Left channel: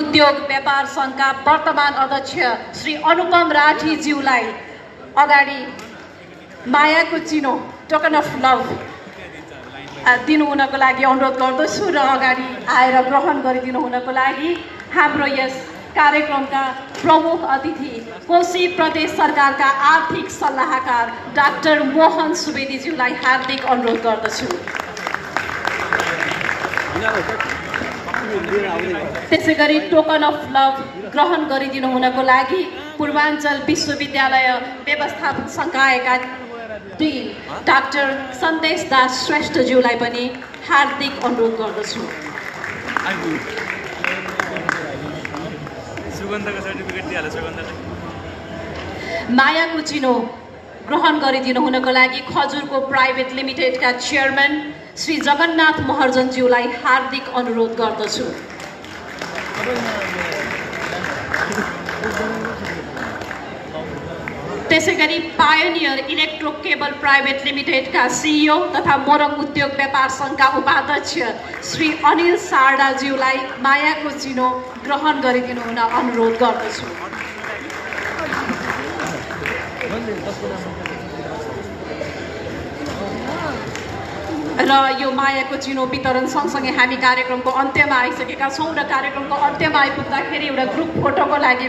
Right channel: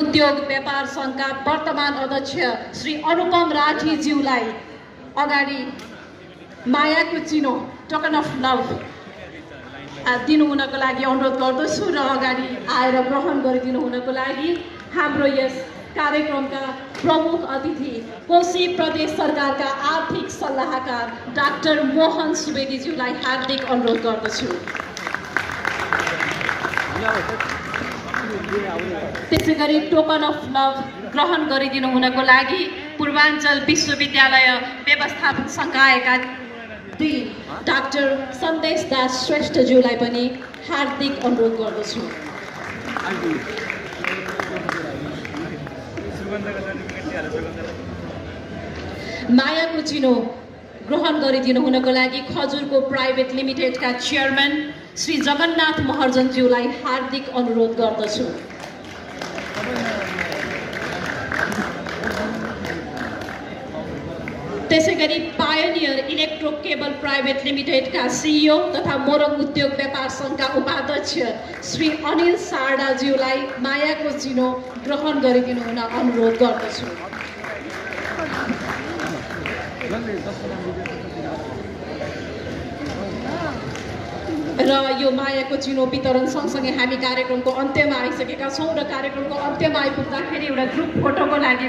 उद्योग व्यापार संघका वर्तमान अध्यक्ष श्री अनुपम राठीज्यूलाई अगाडि मायाको चिनो टोकन अफ लभ दिनुहुनको लागि अनुरोध गर्दछु र अगाडि आएर ग्रहण गरिदिनु हुनको लागि हाम्रो यस कार्यक्रमका प्रमुख अतिथि कोशी प्रदेश सरकारका आर्थिक सल्लाहकार डाक्टर मोहन सुवेदीज्यूलाई हार्दिक अनुरोध गर्दछु। त्यसैगरी टोकन अफ लभ ग्रहण गरिदिनु हुनको लागि पूर्वाञ्चल विश्वविद्यालय व्यवस्थापन संकायका डिन डाक्टर सन्देश दास श्रेष्ठज्यूलाई पनि हार्दिक अनुरोध गर्दछु। मायाको चिनो ग्रहण गरिदिनु हुनको लागि खजुरको प्राइभेट लिमिटेडका चेयरम्यान श्री जगन्नाथ महर्जनज्यूलाई हार्दिक अनुरोध गर्दछु। त्यसैगरी पायोनियर इलेक्ट्रो केबल प्राइभेट लिमिटेडका सिइओ तथा मोरङ उद्योग व्यापार संघका उपाध्यक्ष श्री अनिल सारडाज्यूलाई मायाको चिनो ग्रहण गरिदिनु हुन अनुरोध गर्दछु। र यो मायाको चिनो वितरण सँगसँगै हामी कार्यक्रमको अन्त्यमा आइसकेका छौँ र कार्यक्रमको अन्त्यमा आइपुग्दाखेरि एउटा ग्रुप फोटोको लागि